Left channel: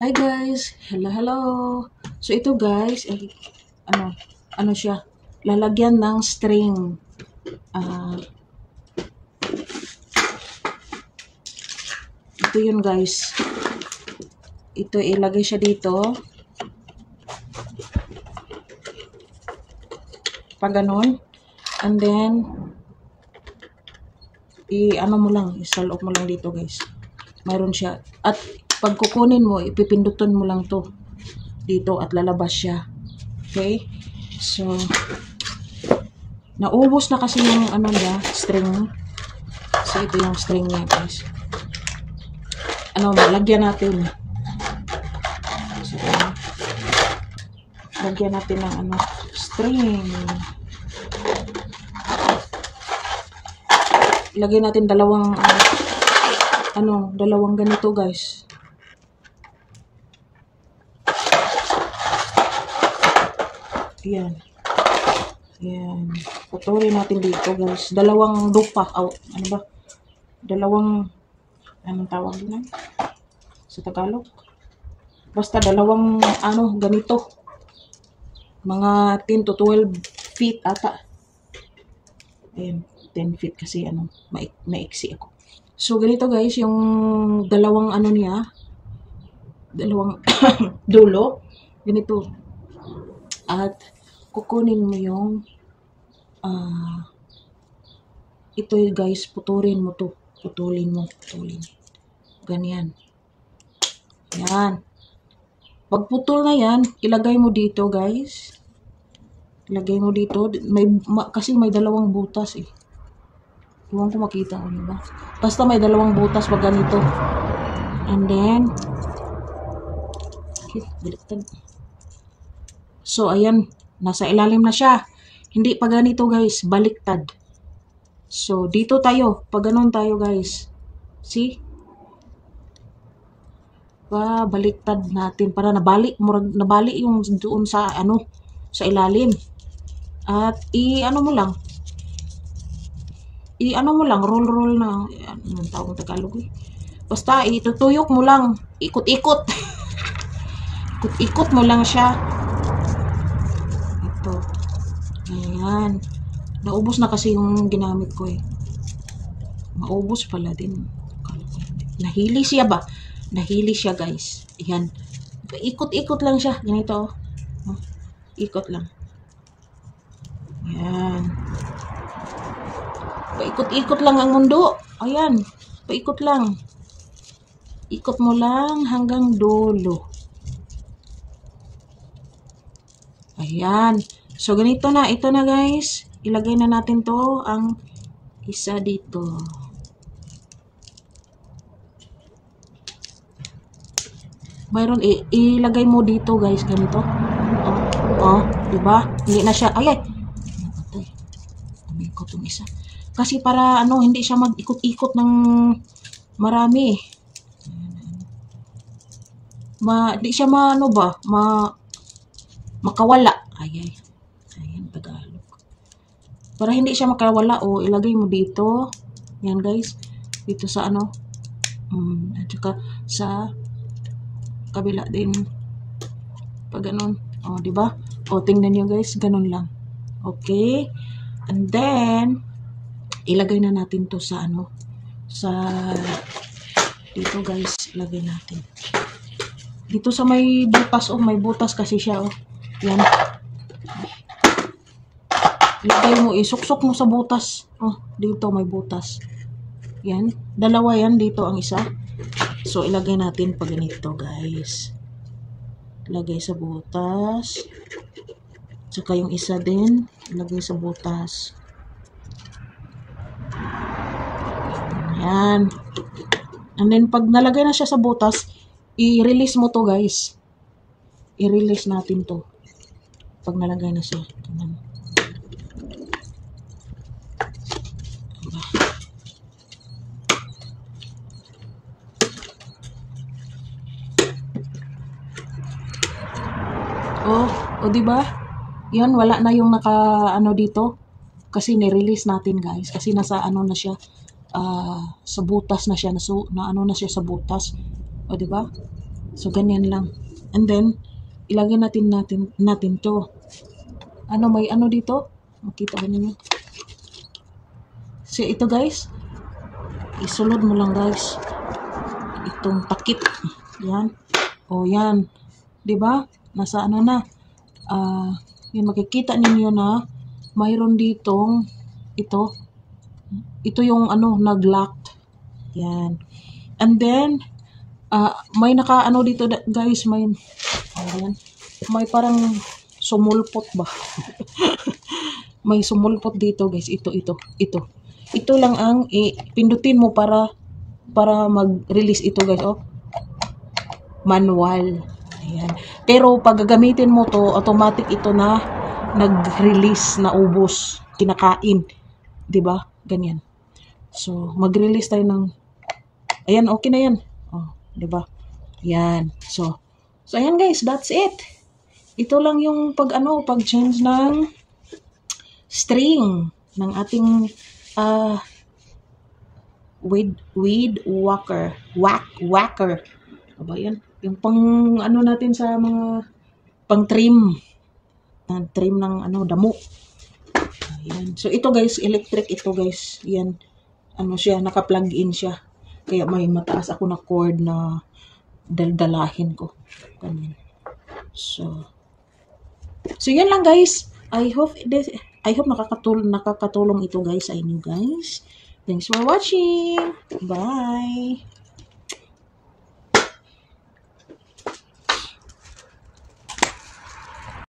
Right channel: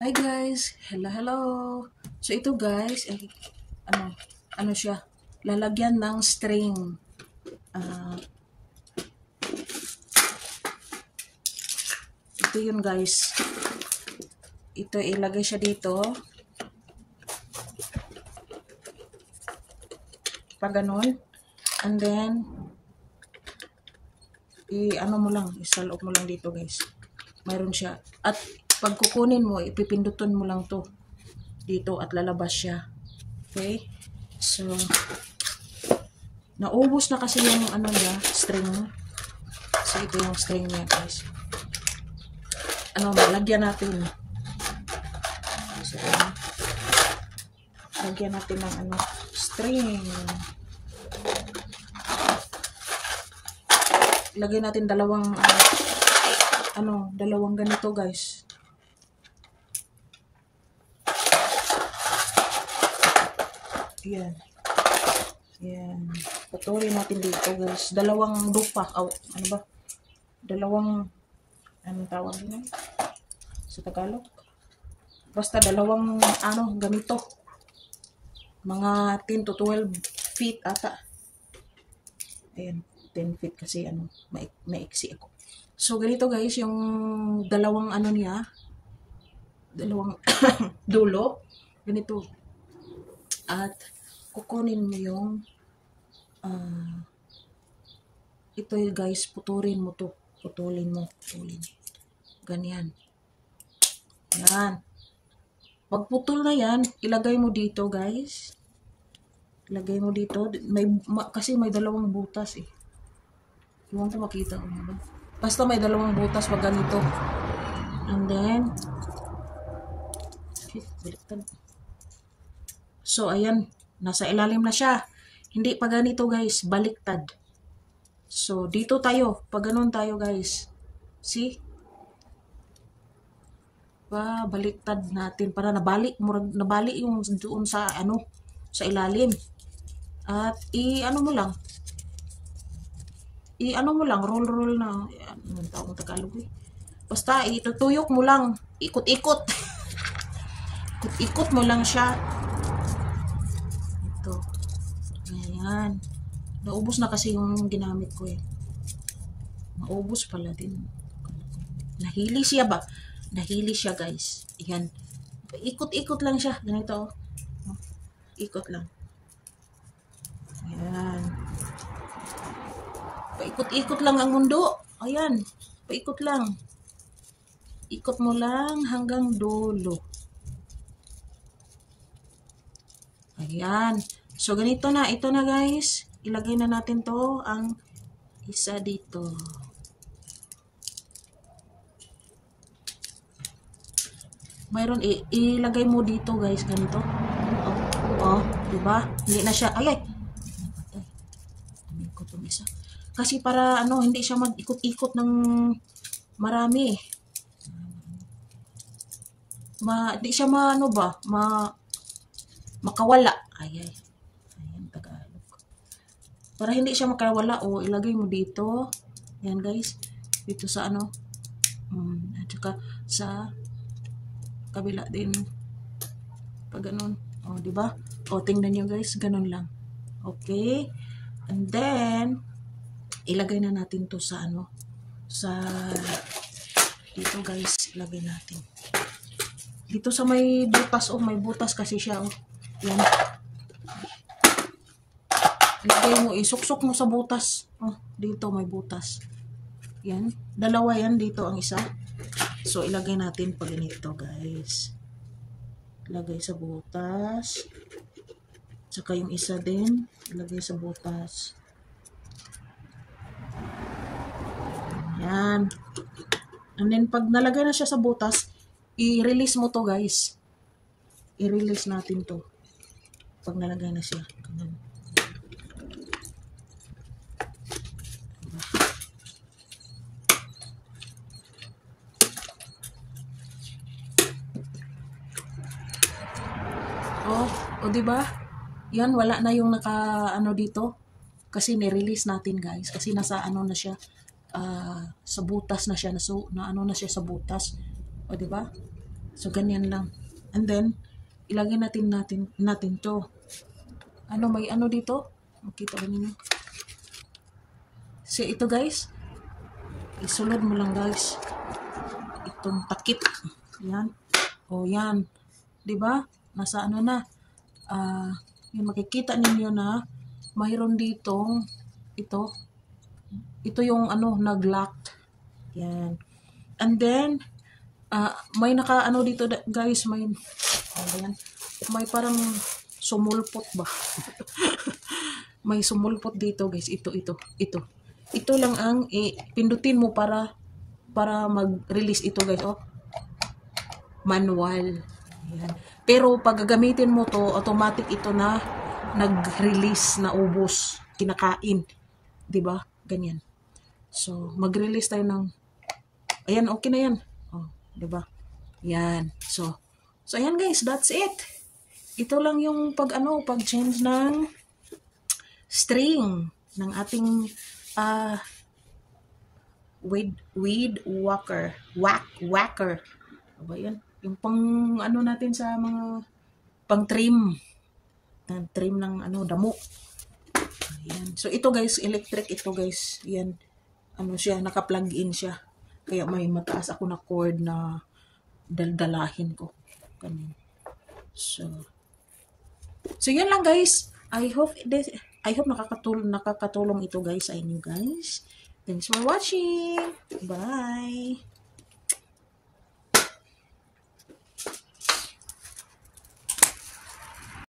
Hi guys! Hello, hello! So ito guys, ano, ano siya? Lalagyan ng string. Ah, ito yun guys. Ito ilagay siya dito. Pag ganun. And then, ano mo lang, isalok mo lang dito guys. Mayroon siya. At pag kukunin mo, ipipindutin mo lang to dito at lalabas siya. Okay? So, naubos na kasi yung ano niya, string. So, ito yung string niya guys. Lagyan natin. So, lagyan natin ng string. Lagyan natin dalawang ganito guys. Yan. Yan. Putulin natin dito guys. Dalawang dupa. Ano ba? Anong tawag din sa Tagalog? Basta dalawang ganito. Mga 10 to 12 feet ata. Ayan. 10 feet kasi maiksi ako. So ganito guys, yung dalawang dalawang dulo, ganito. At kukunin mo yung ito guys, putulin mo to. Putulin. Ganyan. Yan. Pag putol na yan, ilagay mo dito guys. Ilagay mo dito. Kasi may dalawang butas eh. Huwag ko makita ko, diba? Basta may dalawang butas pag ganito. And then, okay, baliktad. So, ayan. Nasa ilalim na siya. Hindi pa ganito guys, baliktad. So, dito tayo. Pag ganun tayo guys. See? Baliktad natin para nabali yung doon sa sa ilalim. At roll na. Anong tawag Tagalog eh. Basta itutuyok mo lang, ikot-ikot. Ikot-ikot mo lang siya. Ito. Ayan. Naubos na kasi yung ginamit ko eh. Maubos pala din. Nahili siya ba? Nahili siya guys. Ayan. Ikot-ikot lang siya. Ganito oh. Ikot lang. Ayan. Paikot-ikot lang ang mundo. Ayan. Paikot lang. Ikot mo lang hanggang dulo. Ayan. So, ganito na. Ito na guys. Ilagay na natin to ang isa dito. Mayroon, ilagay mo dito guys. Ganito. Diba? Hindi na siya. Ay. Tumikot yung isa. Kasi para hindi siya mag-ikot-ikot ng marami. Di siya makawala. Ayan, Tagalog. Para hindi siya makawala, ilagay mo dito. Yan guys. Dito sa at saka sa kabila din. Pag ganun. Di ba? Tingnan nyo guys, ganun lang. Okay? And then, ilagay na natin to sa dito guys, ilagay natin. Dito sa may butas, may butas kasi siya, Yan. Ilagay mo, isuksok mo sa butas. Dito may butas. Yan. Dalawa yan, dito ang isa. So, ilagay natin pag ganito, guys. Ilagay sa butas. Tsaka yung isa din, ilagay sa butas. Yan. And then, pag nalagay na siya sa butas, i-release mo to, guys. I-release natin to. Pag nalagay na siya. Ganun. Diba? Yan, wala na yung dito. Kasi ni-release natin, guys. Kasi nasa na siya. Sa butas na siya. Na siya sa butas. Diba? So, ganyan lang. And then, ilagay natin to. Ano, may ano dito? Makita ba niyo? So, ito guys. Isulod mo lang guys. Itong takip. Yan. O, yan. Diba? Nasa ano na. Yun, makikita ninyo na mayroon ditong ito. Ito yung ano, nag-locked. Yan. And then, may naka-ano dito guys, may parang sumulpot ba? May sumulpot dito guys. Ito. Ito lang ang pindutin mo para mag-release ito guys. Oh. Manual. Ayan. Pero pag gagamitin mo to, automatic ito na nag-release na ubos, kinakain. 'Di ba? Ganyan. So, mag-release tayo ng ayan, okay na 'yan. Oh, 'di ba? Yan. So ayan guys, that's it. Ito lang yung pag-change ng string ng ating weed whacker. Aba yan. Yung pang natin sa mga pang trim ng damo. Ayan. So ito guys, electric ito guys. Yan. Siya, naka-plug in siya. Kaya may mataas ako na cord na daldalahin ko. Ganyan. So yan lang guys. I hope nakakatulong ito guys sa inyo guys. Thanks for watching. Bye.